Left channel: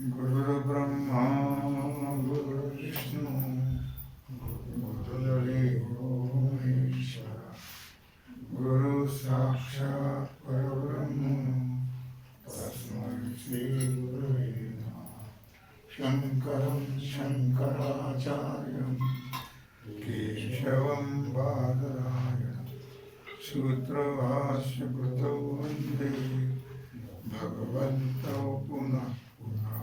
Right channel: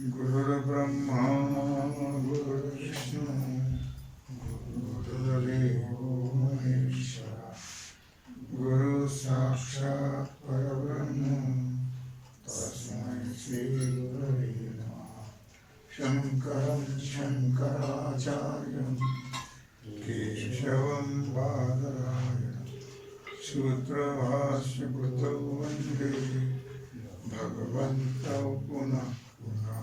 गुरुर्ब्रह्मा गुरुर्विष्णू गुरुर्देवो महेश्वरा गुरु साक्षात् परब्रह्म तस्मै श्री गुरवे नमः। शंकरं शंकराचार्यं केशवं बादरायणं सूत्रभाष्यकृतौ वन्दे भगवन्तौ पुनः पुनः।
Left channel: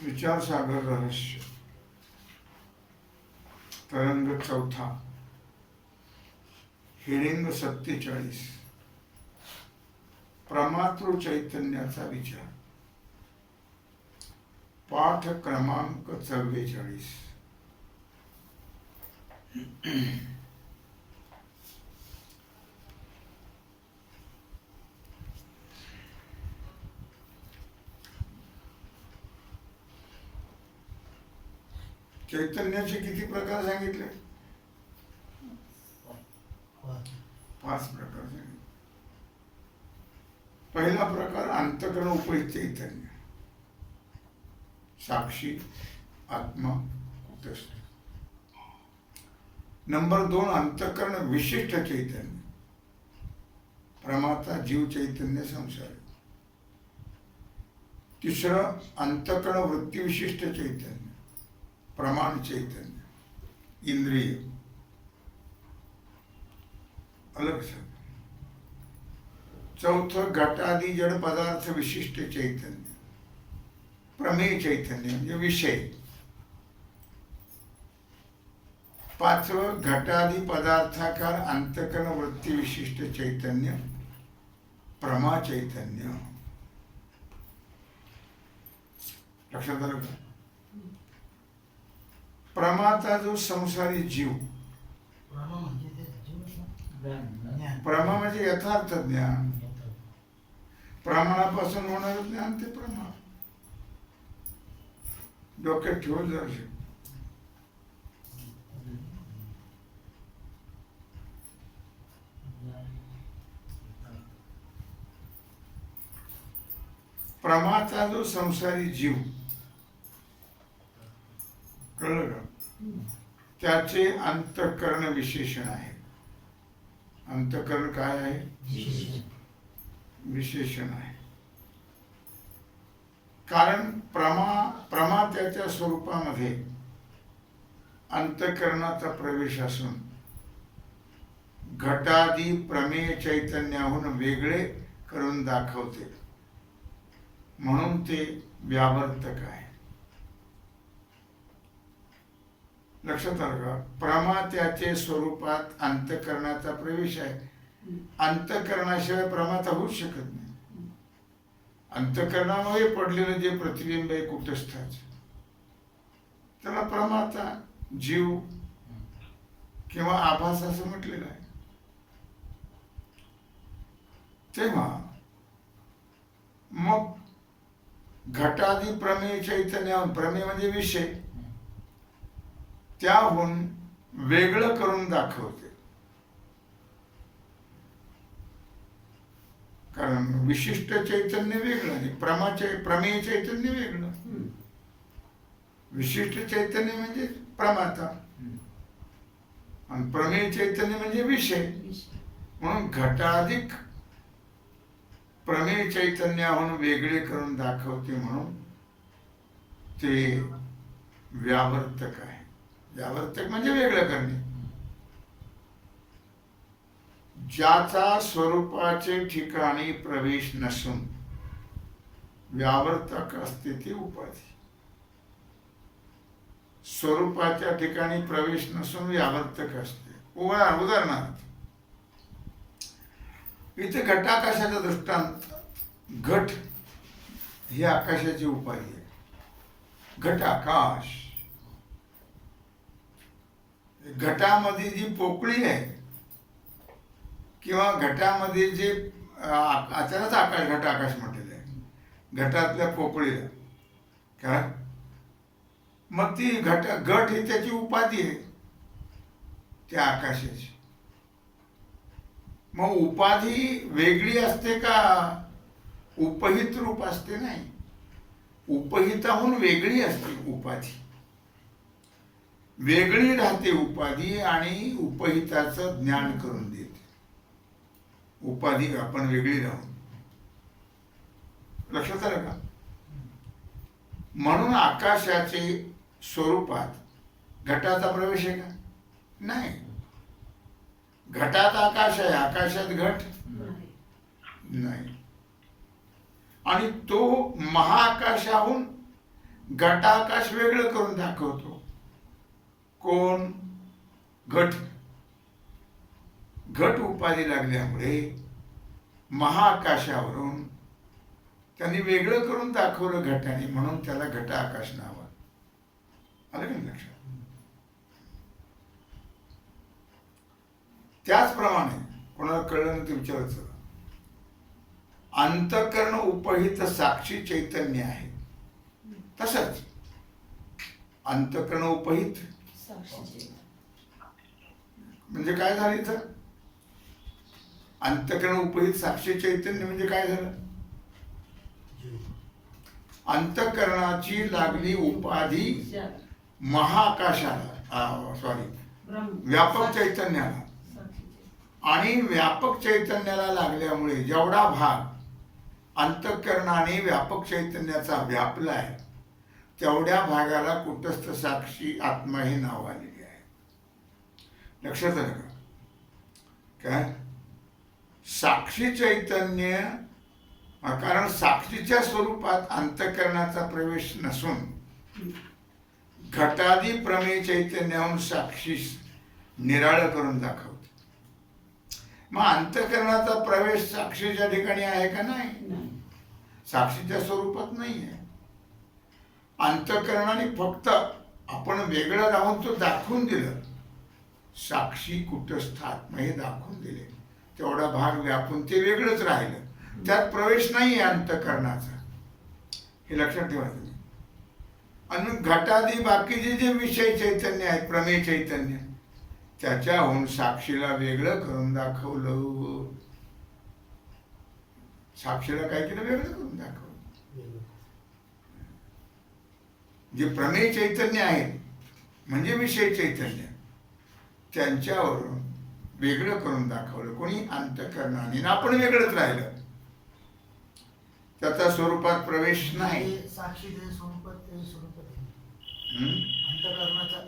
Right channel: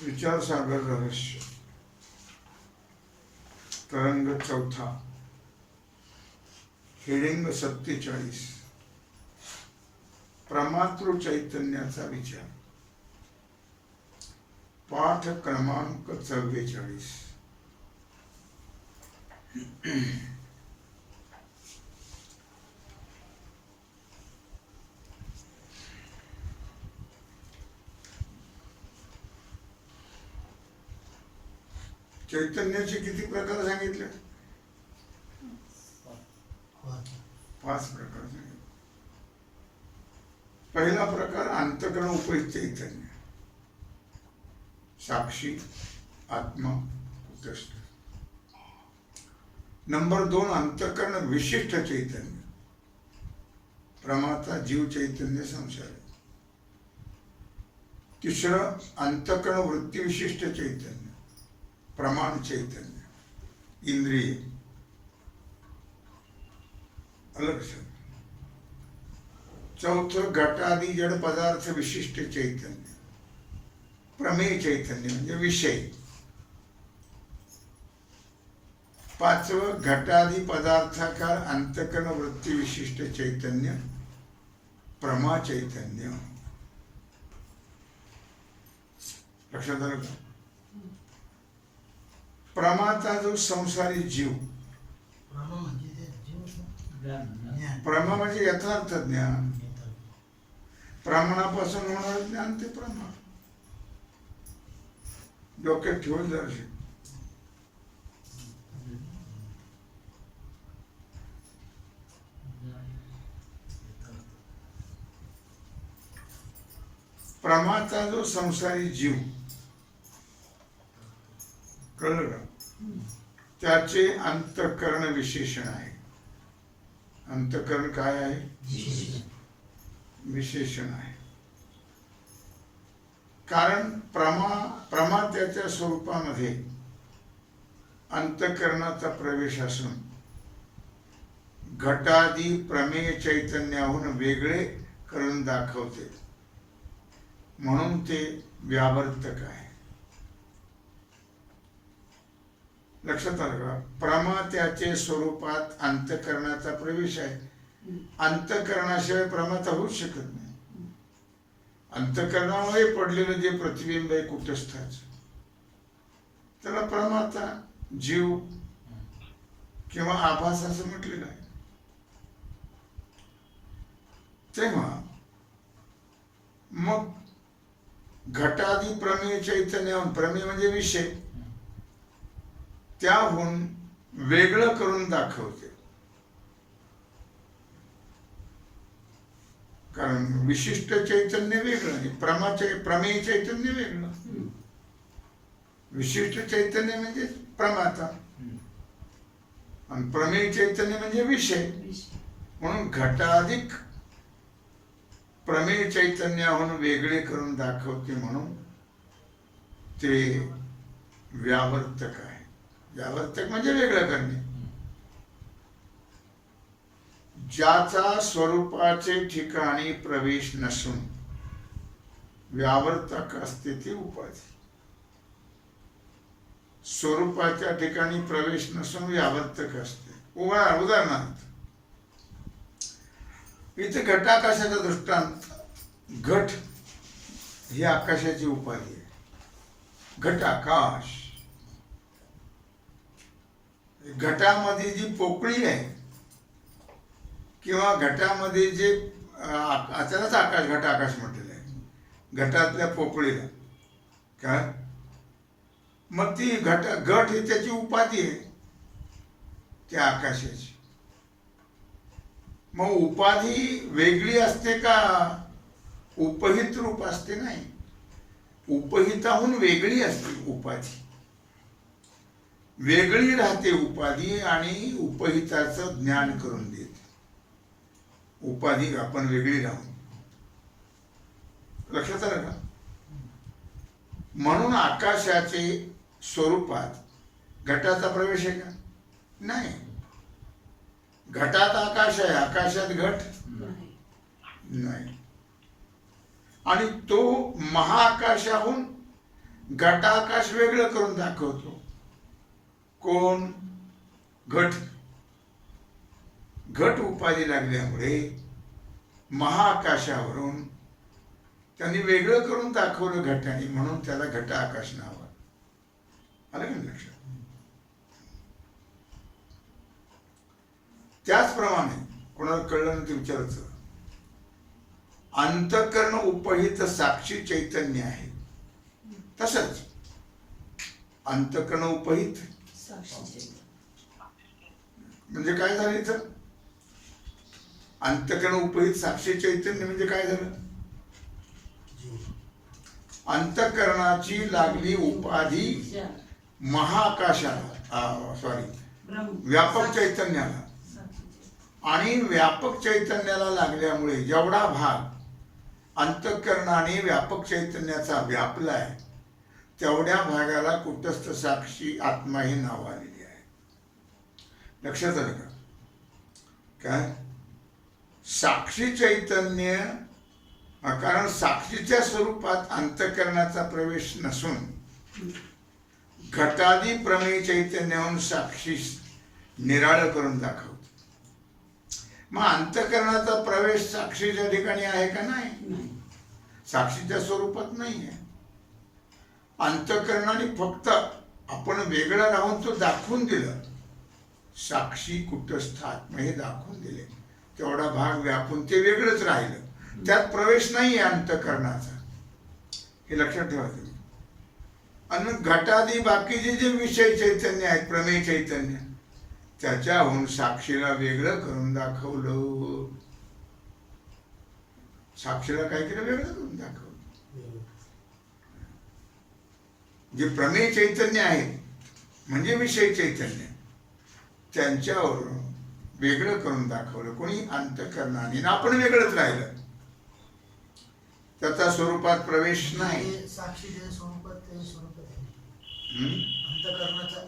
विचार सागर रहस्य तरंग चौथा हेडिंग 47 प्रमातृ चैतन्याचा विचार पाठ क्रमांक 44। चैतन्याचे किती प्रकार सांगितले? 5 प्रकार सांगितले। पहिला प्रकार अंतःकरण उपहित चैतन्य, साक्षी आत्मा कुटस्थ। नंबर 2 अंतःकरण विशिष्ट चैतन्य, प्रमाता जीव चैतन्य संसारी। तिसरं अंतःकरण वृत्ती विशिष्ट चैतन्य, प्रमाण चैतन्य इंद्रिय अलग सब। चौथं घटादी जड पदार्थ विशिष्ट चैतन्य, प्रमेय चैतन्य म्हणजे विषय। 5वं घटादी पदार्थाकार अंतःकरण वृत्ती विशिष्ट चैतन्य, प्रमा चैतन्य। लक्षात आलं का? प्रमाता जो संसारी जीव, प्रमा म्हणजे यथार्थ ज्ञान, प्रमाणापासून होणार ज्ञान ते प्रमा। डोक्यात ठेवून जायचे। प्रमाता जो संसारी जीव, कळलं का? त्याचे अंतःकरण विशेषण आहे। अंतःकरण काय आहे? विशेषण आहे। कारण प्रमा त्याच्या स्वरूपामध्ये अंतःकरणाचा प्रवेश असून घटादी प्रमेय चैतन्याहून वेगळे करून दाखवते, म्हणून ते व्यावर्तक आहे। लक्षात आलं का? प्रमा त्याचे स्वरूपात अंतःकरणाचा प्रवेश आहे। अंतःकरणाशिवाय प्रमाता होऊच शकत नाही। अंतःकरणामध्ये पडलेलं जे प्रतिबिंब आहे कुटस्थाच, त्याला प्रमाता जीव किंवा आभास असं म्हटलेलं आहे। तेव्हा मग घटादी प्रमेय चैतन्याहून, प्रमेय म्हणजे विषय, त्याहून वेगळं करून दाखवते। कारण विशिष्ट चैतन्य वेगळं आणि प्रमेय चैतन्य वेगळं। विशिष्ट चैतन्य म्हणजे प्रमाता आणि प्रमेय चैतन्य म्हणजे विषय। म्हणून घटाधिक प्रमेय चैतन्याहून वेगळे करून दाखवते, म्हणून ते व्यावर्तक आहे। व्यावर्तक म्हणजे वेगळं करणे। ज्याचा स्वरूपाचे ठिकाणी प्रवेश नसून व्यावर्तक असते ती उपाधी। स्वरूपाच्या ठिकाणी प्रवेश नसून व्यावर्तक असते। उदाहरणार्थ इथे घटाकाशाचा दृष्टांत, घट ही आकाशाची उपाधी आहे। घटाकाश, घटामध्ये जी पोकळी आहे किंवा घटामध्ये जे त्यालाच आकाश, घट आकाश म्हटलेलं आहे, घटातल्या पोकळीला. काय मग ती घट ही त्याची उपाधी आहे त्या आकाशाची. मग उपाधी वेगळी असते का उपहित रूप असते? नाही, उपहिताहून वेगळी असते उपाधी, वेगळी राहते उपाधी आणि उपहिताचं ज्ञान करून देते. उपाधी आपण वेगळी राहून, लक्षात आलं का? म्हणून आकाशाचे स्वरूपात घटाचा प्रवेश आहे का? नाही. घटात आकाश आहे, आकाशात घट नाही. आणि तो महाआकाशाहून घटाकाश वेगळं करून दाखवतो. कोण? घट. घट उपाधी लागल्यामुळे महाआकाशावरून त्यांनी वेगळं करून दाखवलं घटाने, म्हणून त्याला घट आकाश नाव आलं का लक्षात? त्याचप्रमाणे कोणाला कळलं नाही ते विचारायचं, अंतःकरण उपहित साक्षी चैतन्य आहे. तसंच अंतःकरण उपहित म्हणजे काय झालं इथं? अंतःकरण उपहित साक्षी चैतन्य म्हणजे काय झालं? अंतःकरणाची लागली उपाधी महाआकाशाला, व्यापक चैतन्याला, आणि व्यापक चैतन्याला लागल्यामुळे जेवढा भाग अंतःकरणाने व्यापक चैतन्याचा व्यापलाय तेवढ्या भागाला कुटस्थ साक्षी आत्मा हे नाव आलेले आहे. लक्षात आलं का? काय साक्षी चैतन्य, कारण साक्षीच्या स्वरूपात अंतःकरणाचा प्रवेश नसून घटादी प्रमेय चैतन्याहून साक्षी निराळं करून दाखवतो. मग अंतःकरणाचा प्रवेश साक्षीच्या ठिकाणी आहे का? नाही, साक्षीच्या स्वरूपात नाही आहे. अंतःकरणाने फक्त आपण वेगळं राहून तो दाखवून दिलं. साक्षी कुटस्थ आत्मा हे दाखवून दिले, तेवढा भाग व्यापून ते वेगळंच राहिलं, त्यात प्रवेश नाही आहे अंतःकरणाचा. हे लक्षात ठेवा तुम्ही. आणि घटादी बाकीचे जे विषय चैतन्य आहेत, प्रमेय चैतन्य, त्याच्याहून साक्षीला वेगळं करून दाखवलं. साक्षीला काय केलं? वेगळं करून दाखवलं. जे प्रमेय चैतन्य आहेत म्हणजे विषय चैतन्य, त्यांच्यावरून वेगळं करून दाखवलं कोणी? अंतःकरणाने. आपण वेगळंच राहिलं, त्याचा स्वरूपात प्रवेश नाही. साक्षीचे स्वरूपात ते स्वरूपात अंतःकरणाचा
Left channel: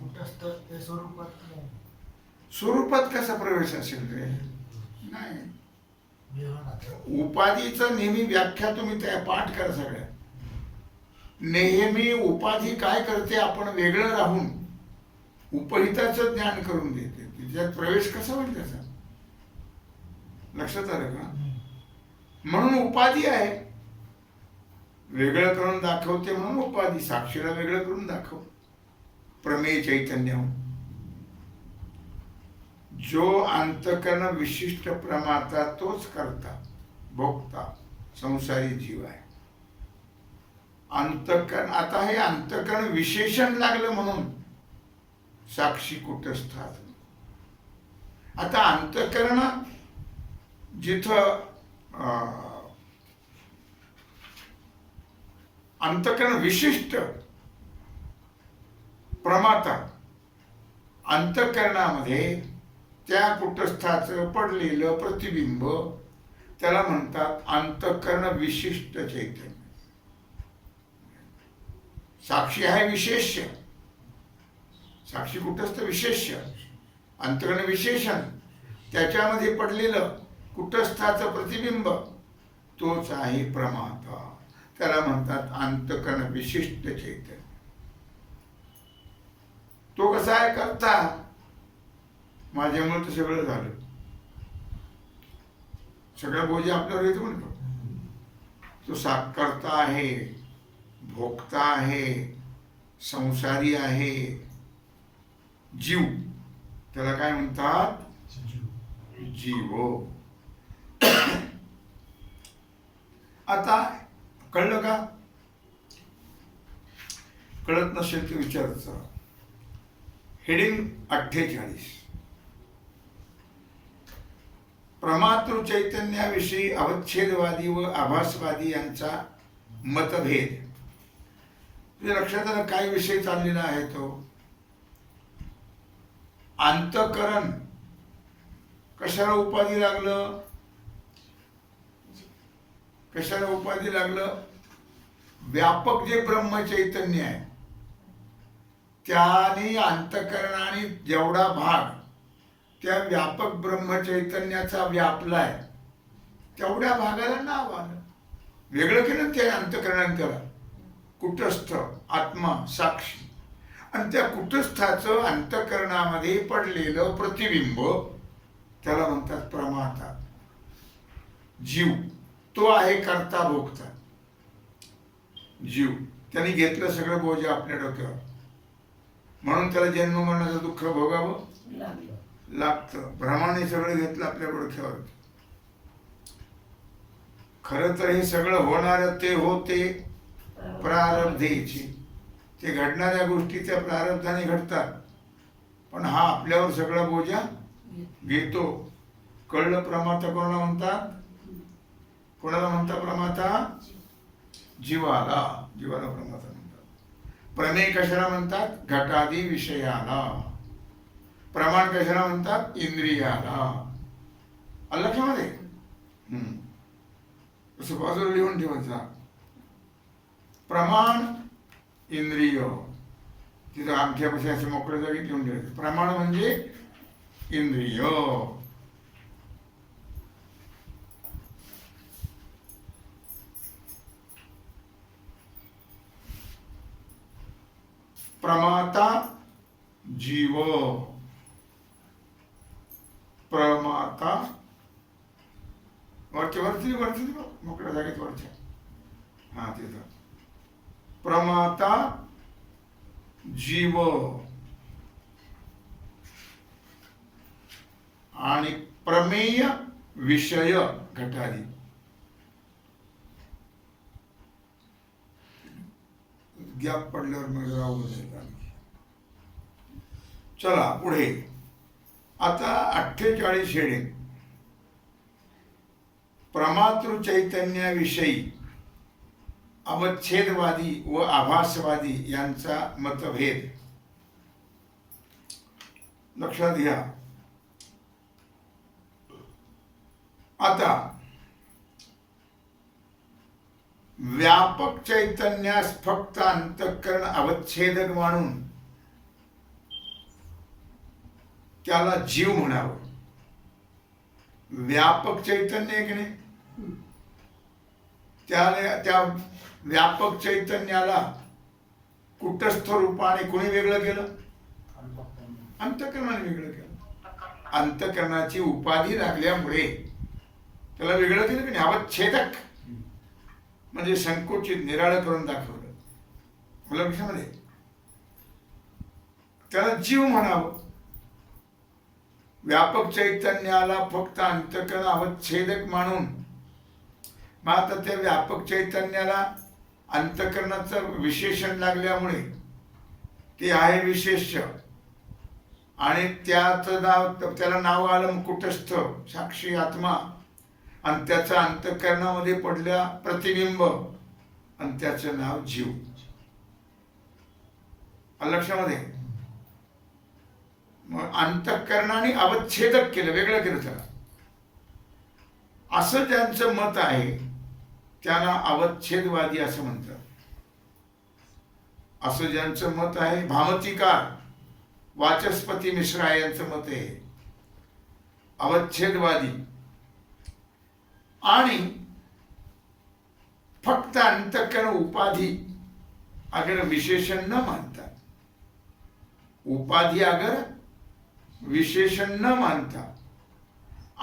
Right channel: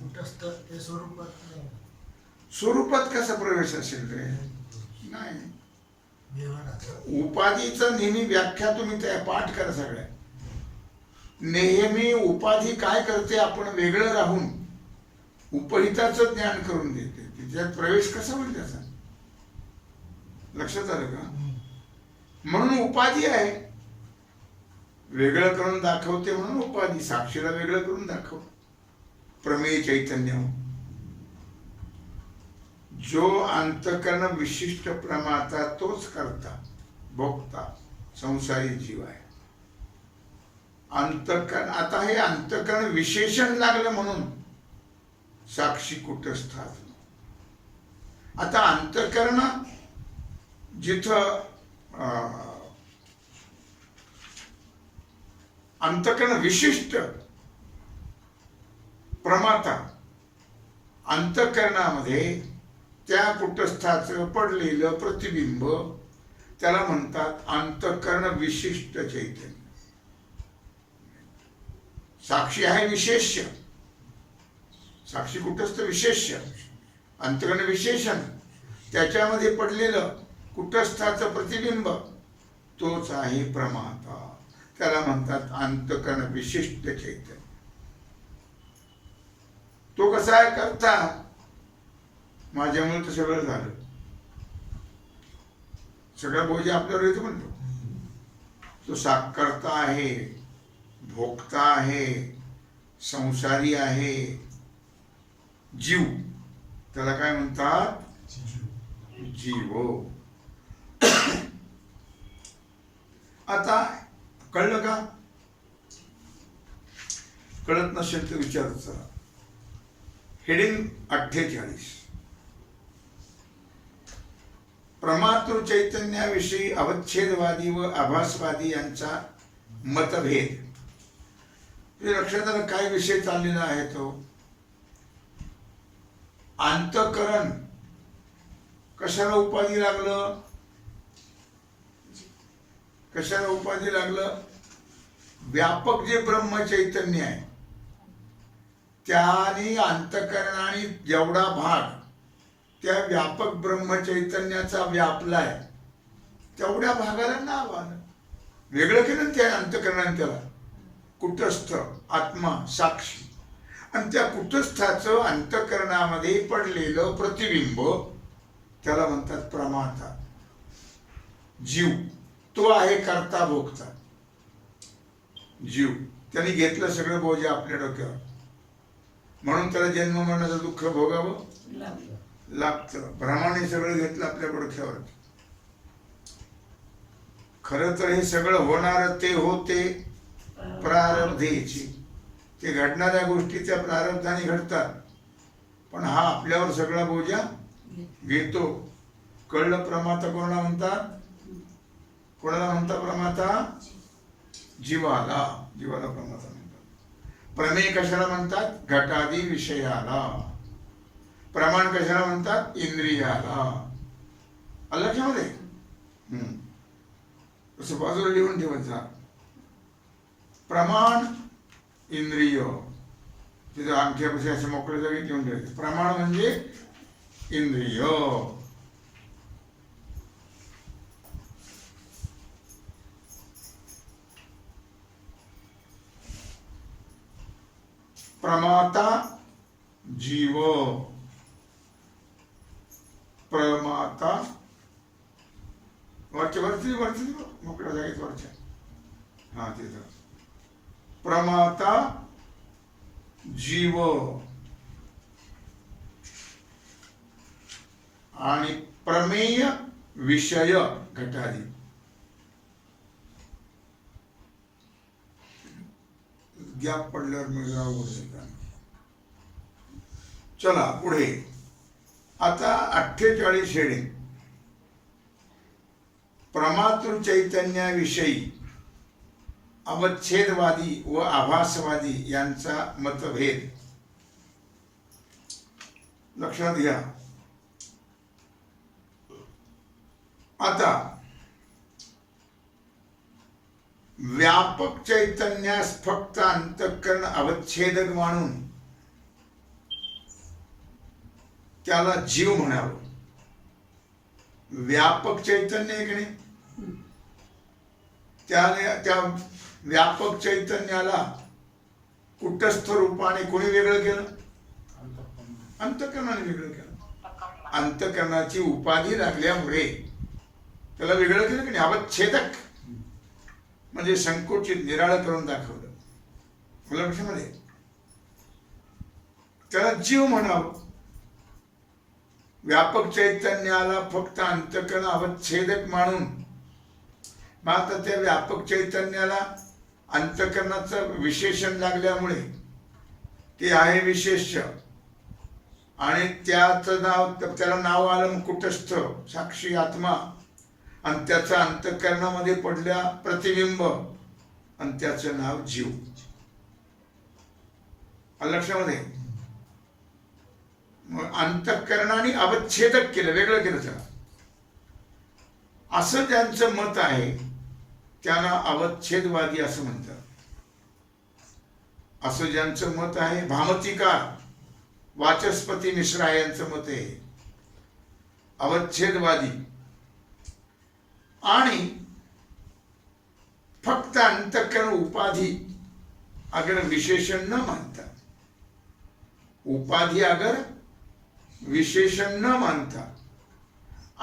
कुटस्थ ते स्वरूपात नाही. स्वरूपात कसा प्रवेश असेल रे? नाही. उपाधीचं नेहमी व्याख्या तुम्ही त्या पाठ करा सगळ्या. नेहमी उपाधी काय करते? आपण वेगळं राहून उपहिताचं ज्ञान करून देते. त्यात प्रवेश कसा होईल त्याचा? लक्षात आलं का? म्हणून उपाधी आहे, वेगळं करून दाखवते म्हणून उपाधी. साक्षीला वेगळं करून दाखव. प्रमेय चैतन्य जो अंतःकरण विशिष्ट प्रमाता तोच करता भोगता संसारी जीव आहे. अंतःकरण, आता हे अंतःकरण विशेषण लागलं म्हणून साक्षी कुटस्थात. आता अंतःकरण जिथं अंतःकरण विशिष्ट प्रमाता, अंतःकरणामध्ये त्या कुटस्थाचं पडलेलं प्रतिबिंब त्याला म्हणतात अंतःकरण विशिष्ट चैतन्य. साक्षी आहे विशेष्य, साक्षी कुटस्थ विशेष्य, अंतःकरण विशेषण, त्याच्यामध्ये पडलेलं कुटस्थाचं प्रतिबिंब तोच आहे प्रमाता. त्याला म्हणतात अंतःकरण विशिष्ट चैतन्य. तो कसा आहे? करता. माझ्यामुळे तर सगळं झालं, सगळं बोजा आपल्यावर येतो म्हणतो. तो करता आहे, भोगता आहे, संसारी आहे, जीव. त्याला काय म्हणतात? जीवो. आता कळलं का? कळत नसेल तर विचारच. हेडिंग 48. प्रमातृ चैतन्याविषयी अवच्छेदवादी व आभासवादी यांचा मतभेद. तुझ्या लक्षात आलं काय विषय चाललेला आहे तो? अंतःकरण कशाला उपाधी लागलं? कशाला उपाधी लागलं? व्यापक जे ब्रह्म चैतन्य आहे त्याने अंतःकरणाने जेवढा भाग त्या व्यापक ब्रह्म चैतन्याचा व्यापलाय तेवढ्या भागाला नाव आलं. वेगळं केलं त्या अंतःकरणाने त्याला. कुटस्थ आत्मा साक्षी. आणि त्या कुटस्थाचं अंतःकरणामध्ये पडलेलं प्रतिबिंब त्याला म्हणतात प्रमाता. जीव तो आहे करता भोगता. जीव त्यांनी घेतलं सगळं बोजा आपल्या डोक्यावर, म्हणून त्याला जन्म मरणाचं दुःख भोगावं लागतं. भ्रमाने सगळं घेतलं आपल्या डोक्यावर. खरं तर हे सगळं होणार ते होते प्रारब्धेची. ते घडणाऱ्या गोष्टी त्या प्रारब्धाने घडतात, पण हा आपल्यावर सगळा बोजा घेतो. कळलं? प्रमाता कोणाला म्हणतात? कोणाला म्हणतात प्रमाता? जीवाला. जीवाला प्रमाता म्हणतात. प्रमेय कशाला म्हणतात? घटादी विषयाला. प्रमाण कशाला म्हणतात? इंद्रियाला. आलं लक्षामध्ये? असं बाजूला लिहून ठेवत जा. प्रमाण इंद्रिय. तिथं अंगठ्यापाशी असे मोकळे जागी लिहून ठेवायचे. प्रमाण म्हणजे इंद्रिय. प्रमाता जीव. प्रमाता वरती मोकळ्या जागेत वरच्या. हा तिथं प्रमाता जीव आणि प्रमेय विषय घटादी. गॅप पडल्यावर मग राहू दे. चला पुढे. आता 48 हेडिंग. प्रमातृ चैतन्याविषयी अवच्छेदवादी व आभासवादी यांचा मतभेद. लक्षात घ्या. आता व्यापक चैतन्यास फक्त अंतःकरण अवच्छेदक मानून त्याला जीव म्हणावं. व्यापक चैतन्य आहे की नाही, त्या व्यापक चैतन्याला कुटस्थ रूपाने कोणी वेगळं केलं? अंतःकरणाने वेगळं केलं. अंतःकरणाची उपाधी लागल्यामुळे त्याला वेगळं केलं की नाही? अवच्छेदक म्हणजे संकुचित, निराळं करून दाखवलं. मुला विषयामध्ये त्याला जीव म्हणावं. व्यापक चैतन्याला फक्त अंतःकरण अवच्छेदक मानून मग आता त्या व्यापक चैतन्याला अंतःकरणाचं विशेषण लागल्यामुळे ते आहे विशेष्य आणि त्याला नाव आलं कुटस्थ साक्षी आत्मा आणि त्याचा अंतःकरणामध्ये पडल्या प्रतिबिंब आणि त्याचं नाव जीव. लक्षामध्ये मग अंतःकरणाने अवच्छेदक केलं, वेगळं केलं त्याला. असं ज्यांचं मत आहे त्यांना अवच्छेदवादी असं म्हणतात. असं ज्यांचं मत आहे, भामतीकार वाचस्पती मिश्रा यांचं मत आहे अवच्छेदवादी. आणि फक्त अंतःकरण उपाधी अगर विशेषण न मानता, उपाधी अगर विशेषण न मानता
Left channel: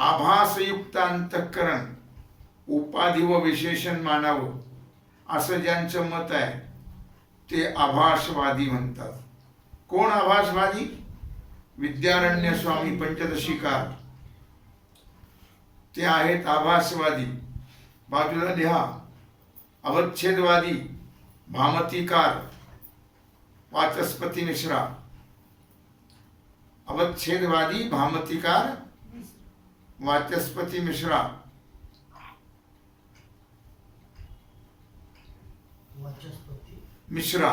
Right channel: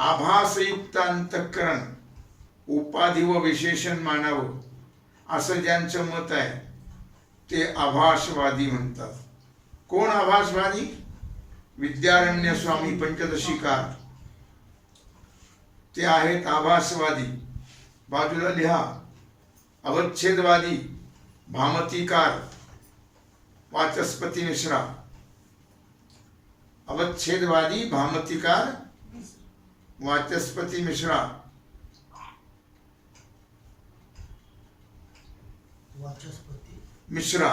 आभासयुक्त अंतःकरण उपाधी व विशेषण मानावं असं ज्यांचं मत आहे ते आभासवादी म्हणतात. कोण आभासवादी? विद्यारण्य स्वामी पंचदशीकार ते आहेत आभासवादी, बाजूला लिहा, अवच्छेदवादी, भामतीकार, वाचस्पती मिश्रा. अवच्छेदवादी, भामतीकार, वाचस्पती मिश्रा. वाचस्पती मिश्रा.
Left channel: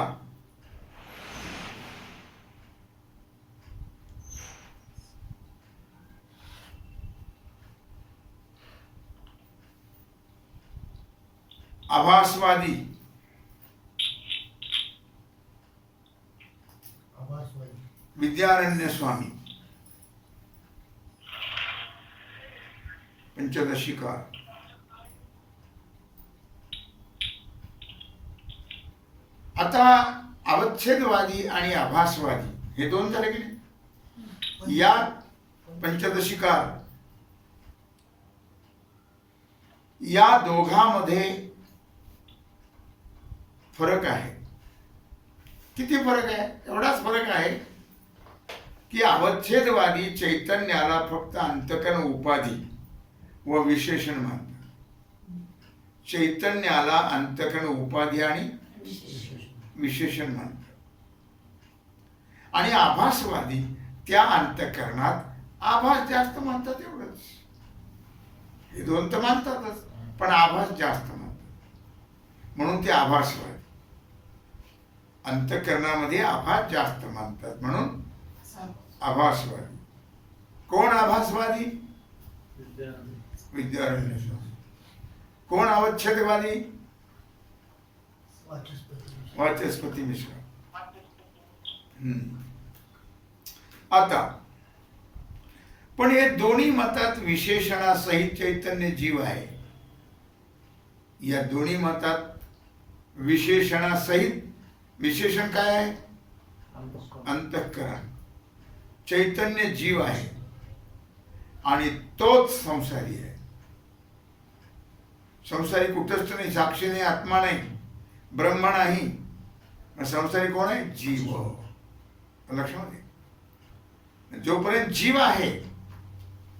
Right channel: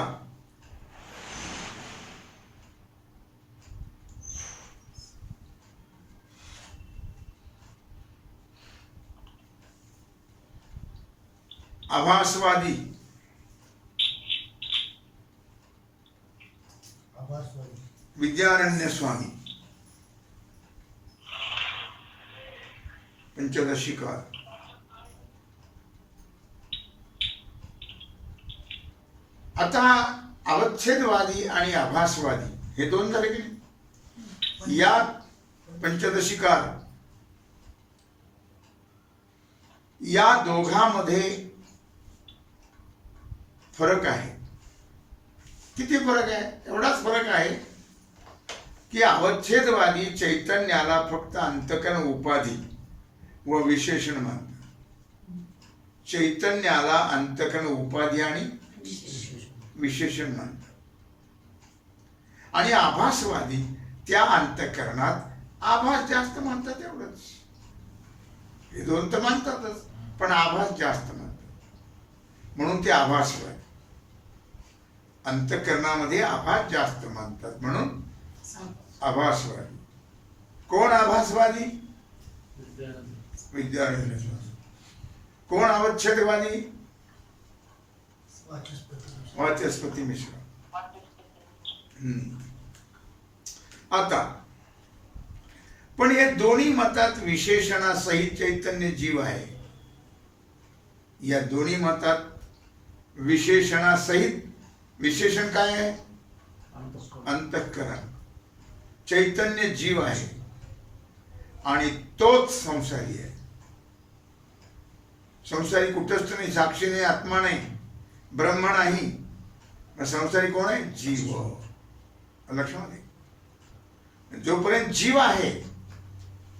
आभासवादी, आभासवादी विद्यारण्य स्वामी, पंचदशीकार. आता अवच्छेदवादी आणि आभासवादी हे दोन झाले की नाही. या पंचदशीकार या दोघांमध्ये फरक आहे. किती फरक आहे? एवढाच फरक आहे की अवच्छेदवादी चैतन्याला फक्त अंतकरण उपाधी व विशेषण मानतात. चैतन्याला अंतकरण उपाधी आणि विशेषण मानतात. आणि आभासवादी त्या अंतकरणात आभास जास्त मानतात. एवढंच. हे दोन तर मानतातच, पण आभास जास्त मानतात म्हणून ते आभासवादी. अंतकरणामध्ये आभास जास्त मानतात म्हणून आभासवादी. कोण आभासवादी? विद्यारण्य स्वामी. कोण अवच्छेदवादी? वाचस्पती मिश्रा. आता पण हे दोन्ही मतात विशेषणासहित चैतन्य जीव आहे. या दोन्ही मतात विशेषणासहित, विशेषण काय आहे? अंतःकरण. चैतन्य जीव आहे आणि तोच संसारी आहे. संसारी कुठंच नाही, साक्षी नाही, आत्मा नाही, ब्रह्म नाही. संसारी कोण आहे? जीव. लक्षामध्ये जोपर्यंत जीव आहे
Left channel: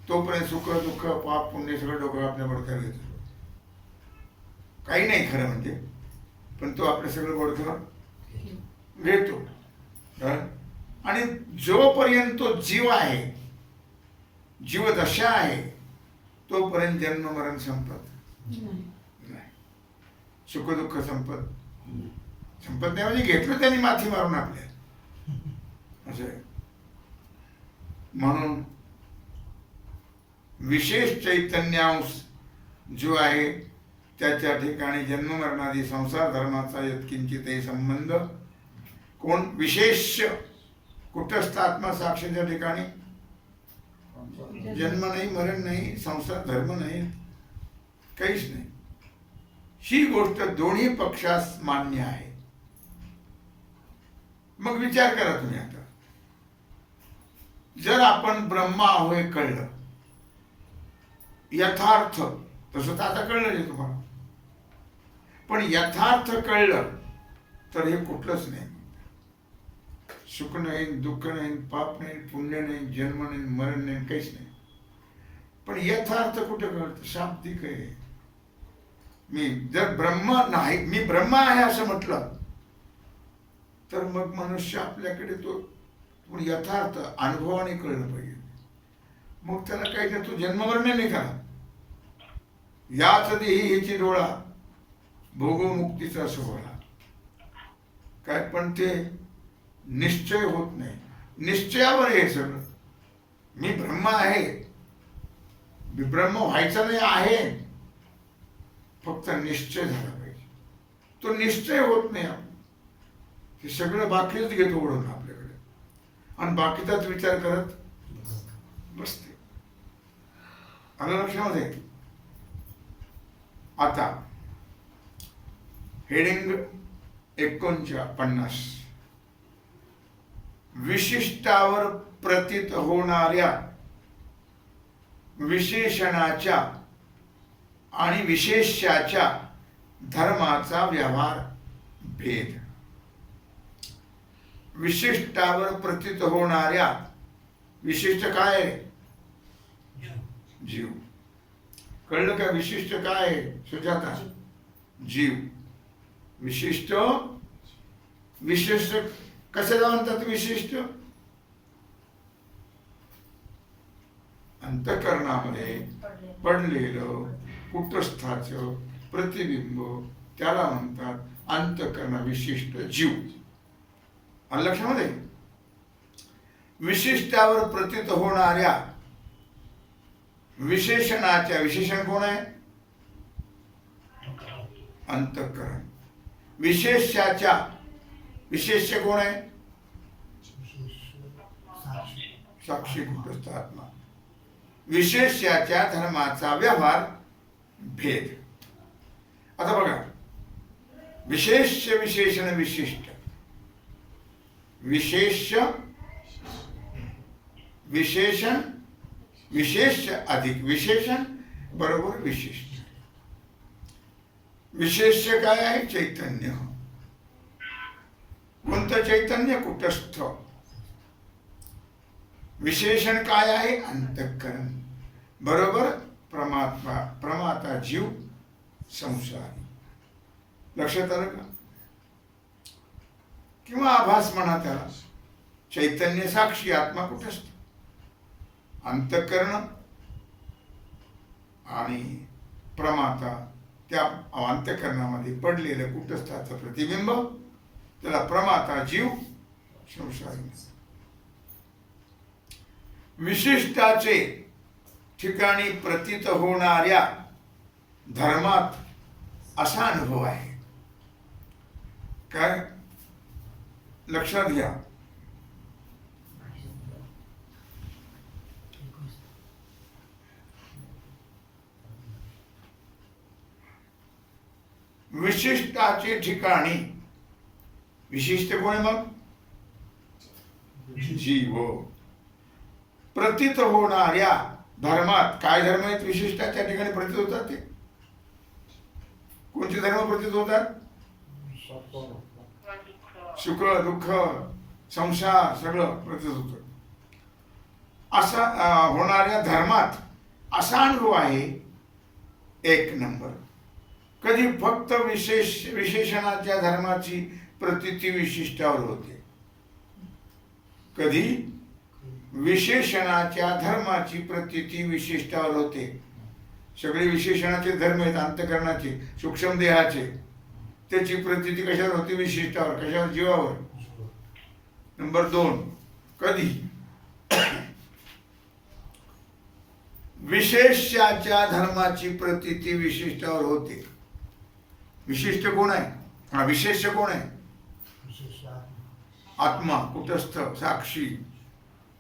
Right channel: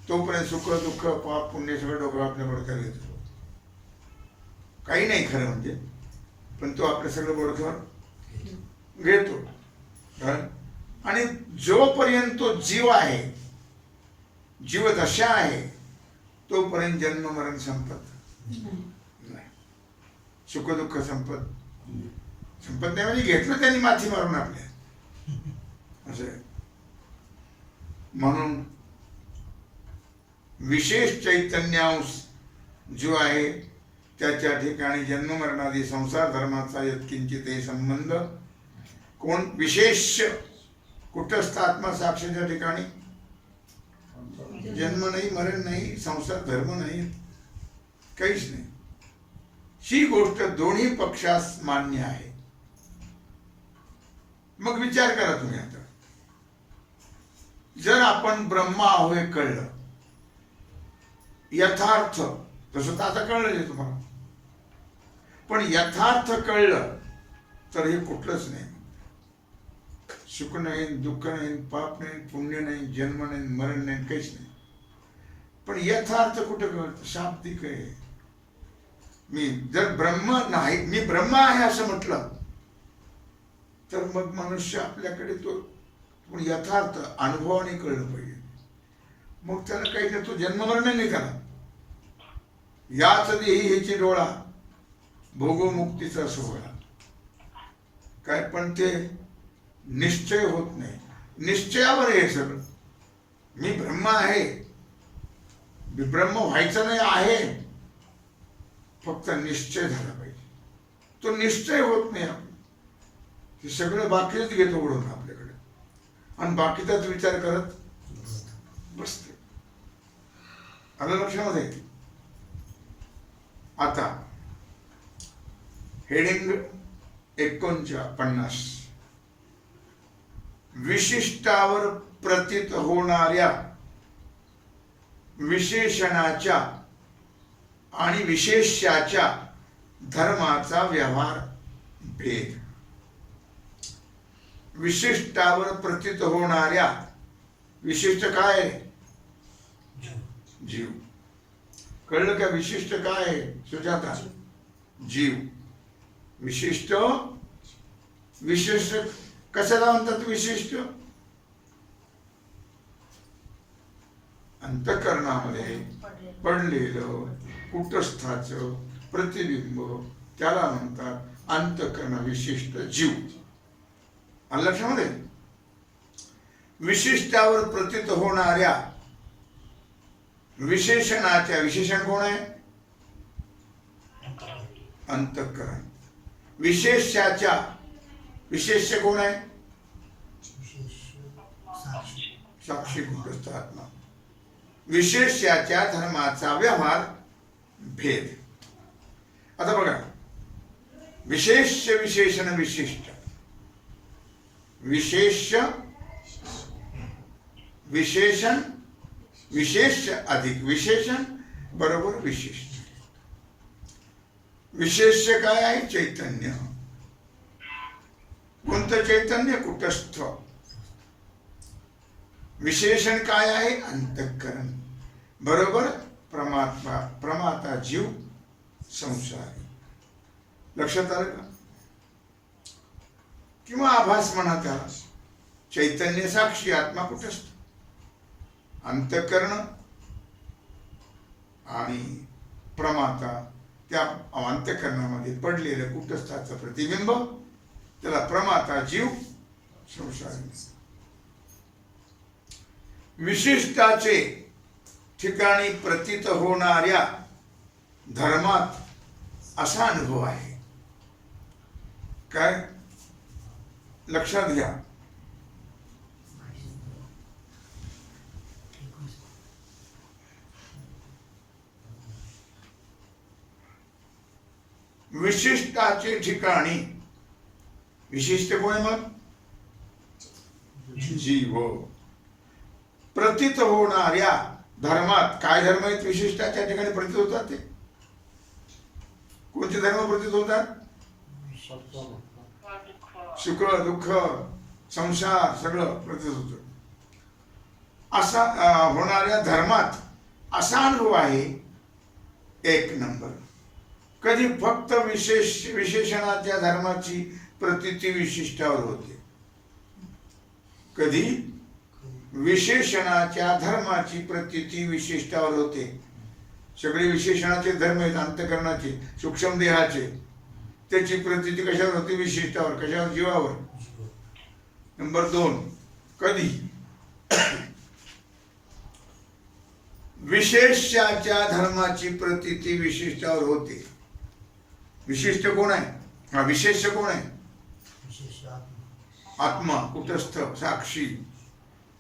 तोपर्यंत सुख दुःख पाप पुण्य सगळं डोकं आपल्या बडक्यावर घेतो. काही नाही खरं म्हणजे, पण तो आपलं सगळं बडक्यावर घेतो. आणि जोपर्यंत तो जीव आहे, जीवदशा आहे, तोपर्यंत जन्म मरण संपत नाही. सुख दुःख संपत नाही म्हणजे घेतलं त्यांनी माथी मारून आपल्या. असं आहे. म्हणून विशेष चैतन्यांश जो आहे त्याच्या ठिकाणी जन्म मरणादी संसार धर्माचा यत्किंचितही संबंध. कोण? विशेष. कुठस्थ आत्मा साक्षीच्या ठिकाणी जन्म नाही, मरण नाही, संसार धर्म नाही, काहीच नाही. ही गोष्ट दोन्ही पक्षास मान्य आहे. मग विचार करा तुम्ही आता, जर आपण ब्रह्मा आहो हे कळलं, यथार्थ तसं तर आता कळलं जे तुम्हाला, पण यथार्थ कळलं तर हे कुठलंच नाही. सुख नाही, दुःख नाही, पाप नाही, पुण्य नाही, जन्म नाही, मरण नाही, काहीच नाही. पण यथार्थ कुठे कळतं? शाब्दिक आहे. मी जर ब्रह्म नाही, मी ब्रह्म आहे असं म्हटलं तर मग मनुष्य आपल्याकडे तो यथार्थ अनुभवाने कळलं पाहिजे. मग त्याला काही नाही, तो जन्ममरण नाही त्याला. याच देही ह्याची डोळा भोगमुक्तीचा सोहळा. काय? पण ते निश्चय होत नाही. निश्चयावर हे सगळं. मी ब्रह्म आहे, ब्रह्म व्हायचं नाही आहे, फक्त निश्चय झाला पाहिजे. तो निश्चय होत नाही. आपण ते सगळं बाकीच घेतो ओढून आपल्याकडे आणि बाकीचाच विचार करत बसते. आलं लक्षामध्ये? आता हेडिंग 49. विशिष्टावर प्रतीत होणाऱ्या विशेषणाच्या आणि विशेष्याच्या धर्माचा व्यवहार भेद. विशिष्टावर प्रतीत होणाऱ्या, विशिष्ट काय? जीव. कळलं का? विशिष्ट काय आहे सुजाता? जीव. विशिष्ट विशेष कशाला म्हणतात? विशिष्ट अंतःकरणामध्ये पडलेलं कुटस्थाचं प्रतिबिंब त्याला म्हणतात अंतःकरण विशिष्ट जीव. आलं लक्षामध्ये? विशिष्टावर प्रतीत होणाऱ्या विशेषणाच्या, विशेषण कोण आहे? अंतःकरण. विशेष्याच्या, विशेष्य कोण आहे? साक्षी कुटस्थ आत्मा. विशेष्याच्या धर्माचा व्यवहार भेद. आता बघा, विशेष्य विशेषण विशिष्ट. विशेष्य विशेषण विशेष्य अधिक विशेषण बरोबर विशिष्ट. विशेष्य काय आहे? चैतन्य. कोणतं चैतन्य? कुटस्थ. विशेषण काय आहे? अंतःकरण बरोबर परमात्मा, प्रमाता जीव संसारी. लक्षात आलं का? किंवा आभास म्हणा त्याला. चैतन्य साक्षी, आत्मा कुटस्थ. अंतःकरण आणि प्रमाता, त्या अंतःकरणामध्ये पडलेलं कुटस्थाचं प्रतिबिंब त्याला प्रमाता जीव संसारी. विशिष्टाचे ठिकाणी प्रतीत होणाऱ्या धर्मात असा अनुभव आहे. काय? लक्षात घ्या. विशिष्टाचे ठिकाणी, विशिष्ट कोण आहे मग? जीव. प्रतीत होणाऱ्या धर्मात, काय धर्म आहेत विशिष्टाच्या ठिकाणी प्रतीत होतात? ते कोणते धर्म प्रतीत होतात? सुख दुःख संसार सगळं प्रतीत होत. असा होणाऱ्या धर्मात असा अनुभव आहे एक नंबर. कधी फक्त विशेषणाच्या धर्माची प्रतीती विशिष्टावर होते, कधी विशेषणाच्या धर्माची प्रतीती विशिष्टावर होते. सगळे विशेषणाचे धर्म आहेत अंतःकरणाचे, सूक्ष्म देहाचे. त्याची प्रतीती कशावर होती? विशिष्टावर. कशावर? जीवावर. नंबर 2, कधी विशेष्याच्या धर्माची प्रतीती विशिष्टावर होते. विशिष्ट कोण आहे? हा विशेष्य कोण आहे? आत्मा कुटस्थ साक्षी.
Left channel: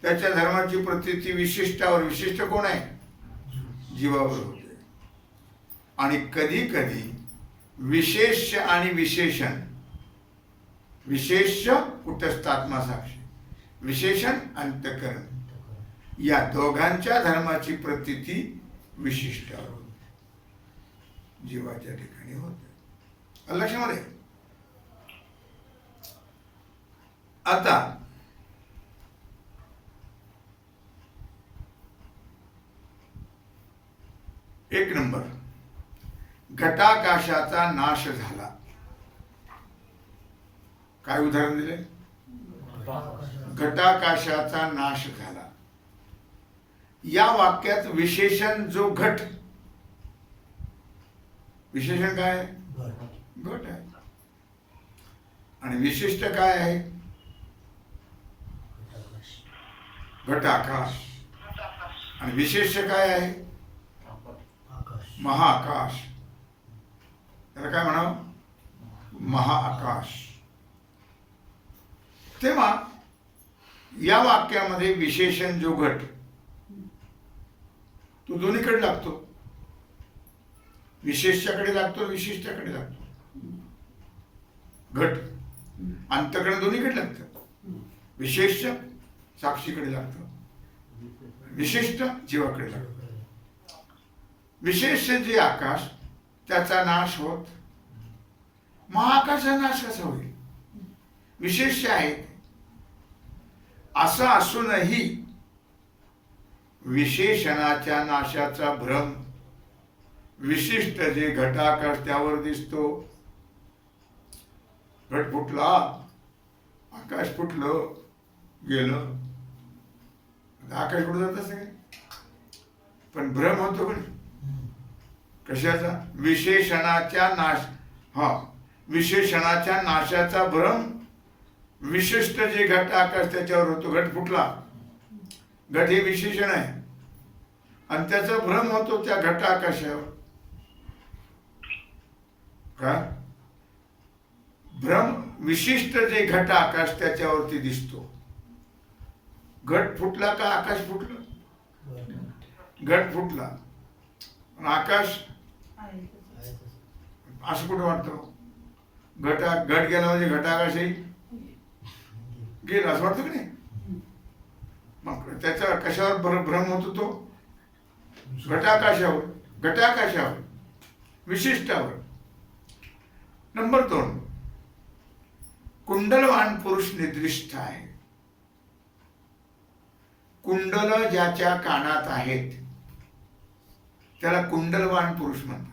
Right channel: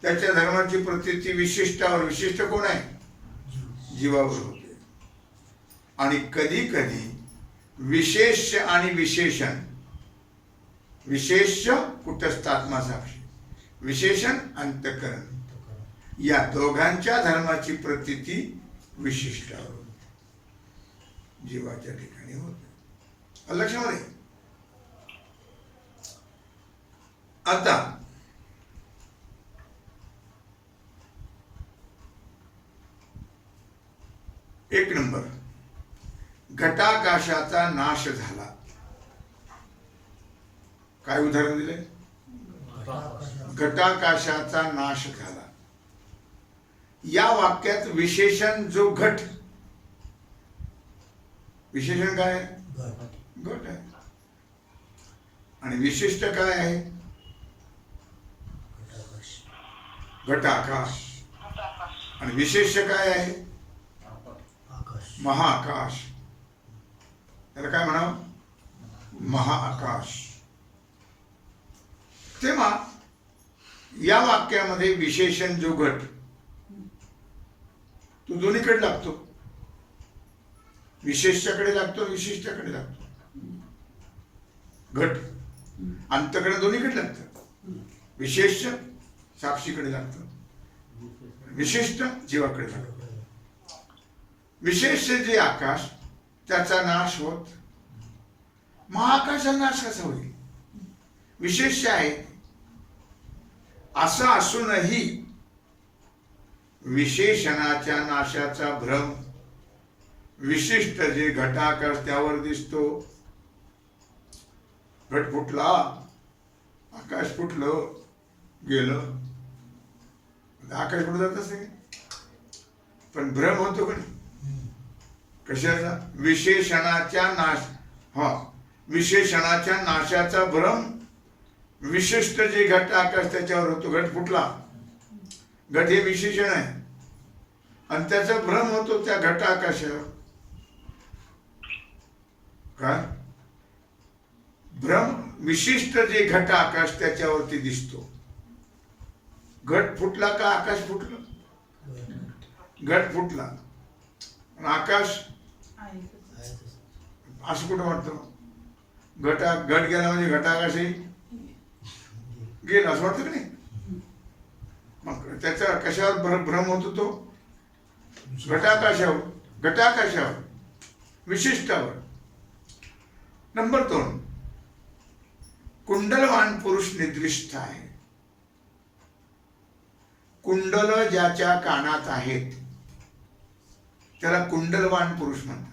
त्याच्या धर्माची प्रतीती विशिष्टावर, विशिष्ट कोण आहे? जीवावर होते. आणि कधी कधी विशेष्य आणि विशेषण, विशेष्य कुटस्थ आत्मा साक्षी, विशेषण अंतःकरण, या दोघांच्या धर्माची प्रतीती विशिष्टावर होते, जीवाच्या ठिकाणी होते. लक्षामध्ये? आता एक नंबर, घटाकाशाचा नाश झाला. काय उदाहरण दिले? घटाकाशाचा नाश झाला. या वाक्यात विशेषण जो घट, विशेषण काय आहे? घट आहे. आणि विशिष्ट काय आहे? घटाकाश. आणि विशेष्य काय आहे? महाआकाश. त्याला काय म्हणावं? महाआकाश. तेव्हा या वाक्यामध्ये विशेषण जो घट, तो दोन्हीकडे लागतो. विशेष्याकडे लागतो, विशिष्टाकडे लागतो. घट अंतःकरण दोन्हीकडे लागतं. विशेष साक्षीकडे लागतं, विशिष्ट जीवाकडे लागतं. विशेष जे आकाश, त्याचा नाश होत, महाआकाशाचा नाश कसा होईल? विशेष आहे. असं असूनही विशेषणाच्या नाशाचा भ्रम विशिष्ट जे घटाकाश त्यावर दिसतो. घट फुटला, आकाश फुटलं, गेलं. आकाश कुठं जात असे, पण भ्रम होतो पण कशाचा? विशेषणाच्या नाश. विशेषणाच्या नाशाचा भ्रम विशिष्ट जे घट आकाश त्याच्यावर होतो. घट फुटला, घट हे विशेषण आहे आणि त्याचा भ्रम होतो त्या घट आकाशावर. का भ्रम? विशिष्ट जे घट आकाश त्याच्यावरती दिसतो. घट फुटला का आकाश फुटलं? घट फुटला आणि आकाश असं कुठं वाटतं? घट गेला म्हणजे घटाकाशही गेला असं वाटतं की नाही? मग त्याचा कशावर भ्रम होतो? तो घटाकाशावर, घटाकाशावर, विशिष्टावर. नंबर 2, कुंडलवान पुरुष निद्रिष्ठ आहे. कुंडल ज्याच्या कानात आहेत त्याला कुंडलवान पुरुष म्हणतात.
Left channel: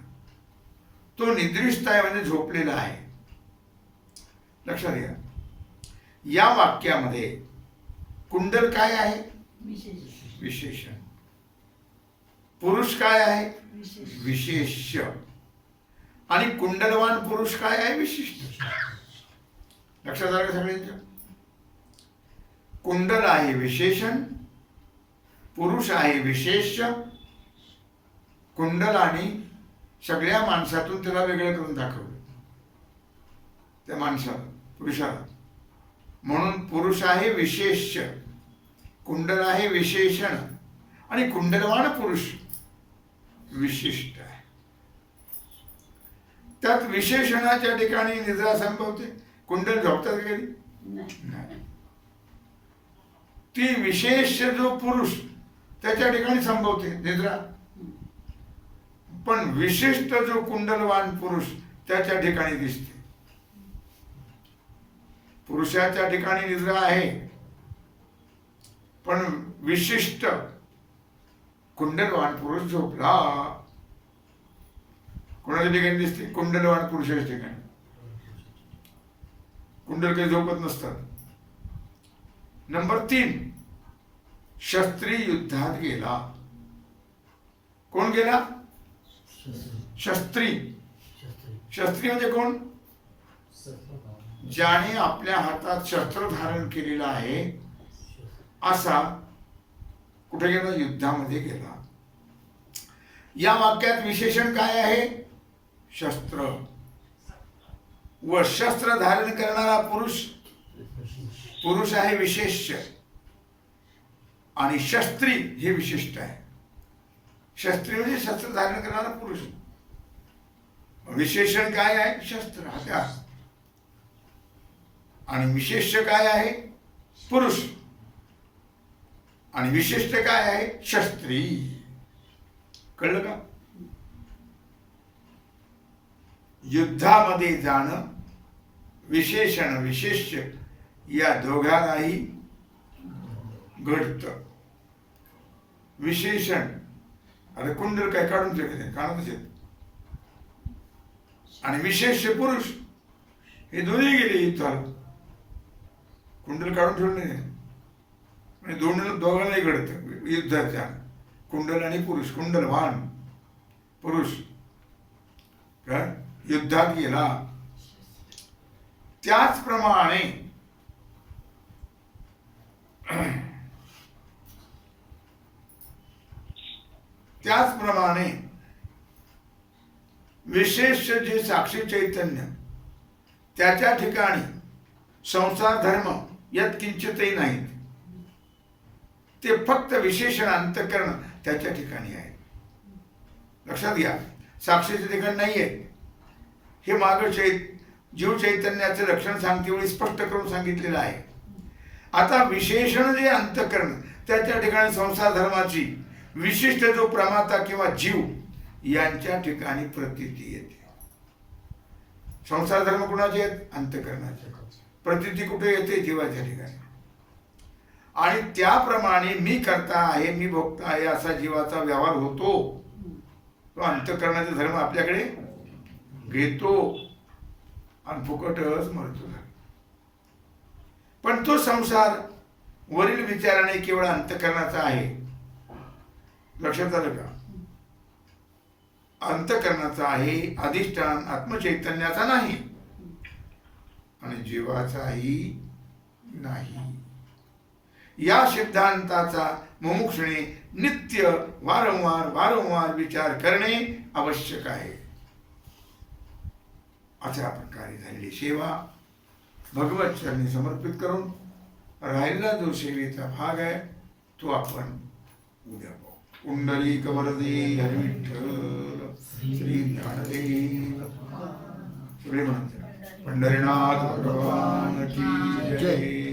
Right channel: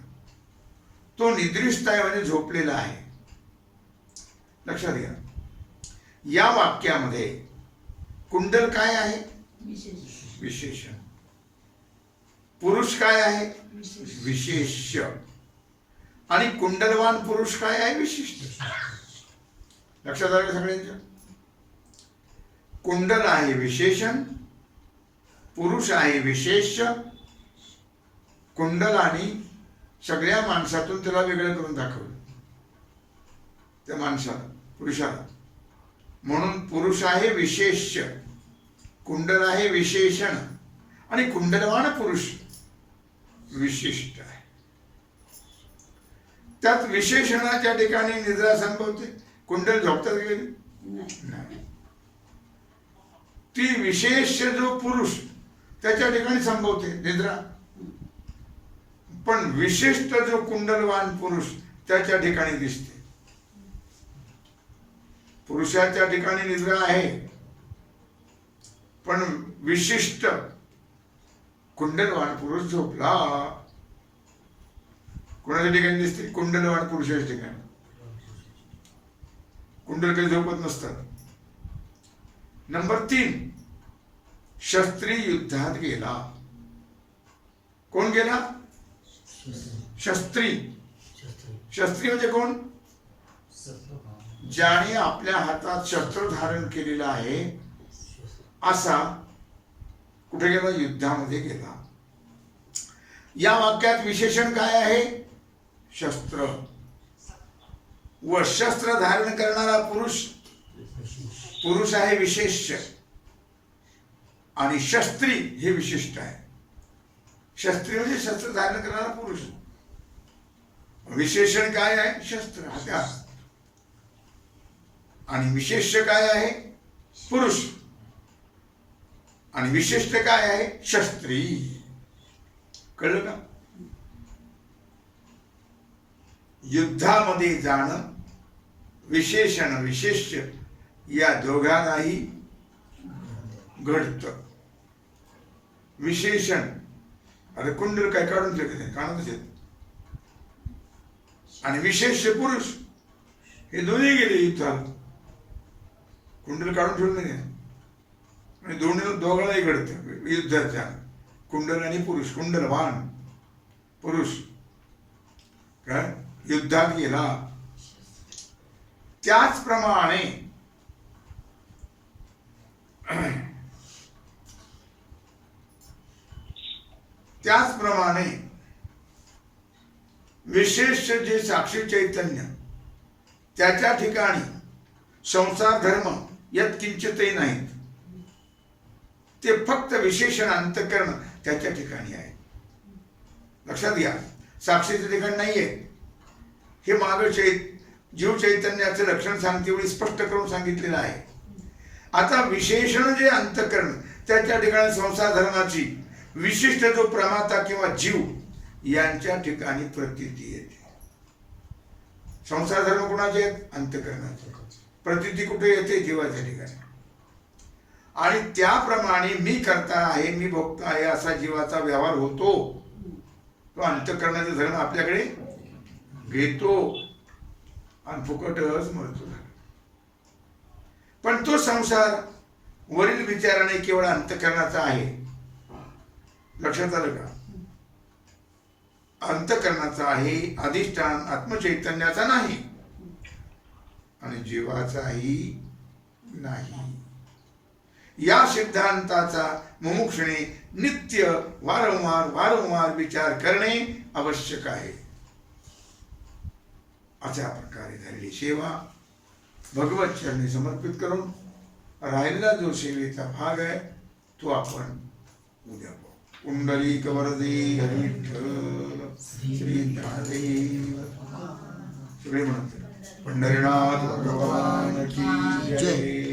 तो निद्रिष्ठ आहे म्हणजे झोपलेला आहे. लक्षात घ्या, या वाक्यामध्ये कुंडल काय आहे? विशेषण. पुरुष काय आहे? विशेष्य. आणि कुंडलवान पुरुष काय आहे? विशिष्ट. लक्षात आलं सगळ्यांच्या? कुंडल आहे विशेषण, पुरुष आहे विशेष्य. कुंडलाने सगळ्या माणसातून त्याला वेगळं करून दाखवलं, त्या माणसाला, पुरुषाला. म्हणून पुरुष आहे विशेष्य, कुंडल आहे विशेषण आणि कुंडलवान पुरुष विशिष्ट आहे. त्यात विशेषणाच्या ठिकाणी निद्रा संभवते. कुंडल झोपतात कधी? नाही. ती विशेष जो पुरुष त्याच्या ठिकाणी संभवते निद्रा. पण विशिष्ट जो कुंडलवान पुरुष त्याच्या ठिकाणी दिसते. पुरुषाच्या ठिकाणी निद्रा आहे, पण विशिष्ट कुंडलवान पुरुष झोपला. कोणाच्या ठिकाणी दिसते? कुंडलवान पुरुषाच्या ठिकाणी. कुंडल काही झोपत नसतात. नंबर 3, शस्त्री युद्धात गेला. कोण गेला? शस्त्री. शस्त्री म्हणजे कोण? ज्याने आपल्या हातात शस्त्र धारण केलेला आहे असा कुठे गेला? युद्धामध्ये गेला. या वाक्यात विशेषण काय आहे? शस्त्र. व शस्त्र धारण करणारा पुरुष, पुरुष आहे विशेष्य आणि शस्त्री हे विशिष्ट आहे. शस्त्री म्हणजे शस्त्र धारण करणारा पुरुष. विशेषण काय आहे? शस्त्र, हत्यार. आणि विशेष्य काय आहे? पुरुष. आणि विशिष्ट काय आहे? शस्त्री. कळलं का? युद्धामध्ये जाणं, विशेषण विशेष्य या दोघांनाही घडतं. विशेषण, अरे कुंडल काय काढून ठेवले कानातच येत. आणि विशेष्य पुरुष हे दोन्ही गेले युद्धाला, कुंडल काढून ठेवलं नाही. आणि दोघांनाही घडतं युद्धाच्या. कुंडल आणि पुरुष, कुंडलवान पुरुष काय युद्धात गेला. त्याचप्रमाणे विशेष जे साक्षी चैतन्य त्याच्या ठिकाणी संसार धर्म यत्किंचितही नाहीत. ते फक्त विशेषण अंतःकरण त्याच्या ठिकाणी आहे. लक्षात घ्या, साक्षीच्या ठिकाणी नाही आहे. हे मागं जीव चैतन्याचं लक्षण सांगते वेळी स्पष्ट करून सांगितलेलं आहे. आता विशेषण जे अंतःकरण त्याच्या ठिकाणी संसार धर्माची विशिष्ट जो प्रमाता किंवा जीव यांच्या ठिकाणी प्रतीती येते. संसार धर्म कुणाचे आहेत? अंतःकरणाचे. प्रतीती कुठे येते? जीवाच्या ठिकाणी. आणि त्याप्रमाणे मी करता आहे, मी भोगता आहे असा जीवाचा व्यवहार होतो. तो अंतःकरणाचा धर्म आपल्याकडे घेतो आणि फुकटच मरतो. पण तो संसार वरील विचाराने केवळ अंतःकरणाचा आहे. लक्षात आलं का? अंतःकरणाचा आहे, अधिष्ठान आत्मचैतन्याचा नाही आणि जीवाचाही नाही. या सिद्धांताचा मुमुक्षुने नित्य वारंवार वारंवार विचार करणे आवश्यक आहे. अशा प्रकारे झालेली सेवा भगवत चरणी समर्पित करून राहिलेला जो सेवेचा भाग आहे तो आपण उद्या पाहू. कुंडलिक वरदे हरी विठ्ठल श्री ज्ञानदेव सगळे म्हणत पंढरीनाथ भगवान की जय.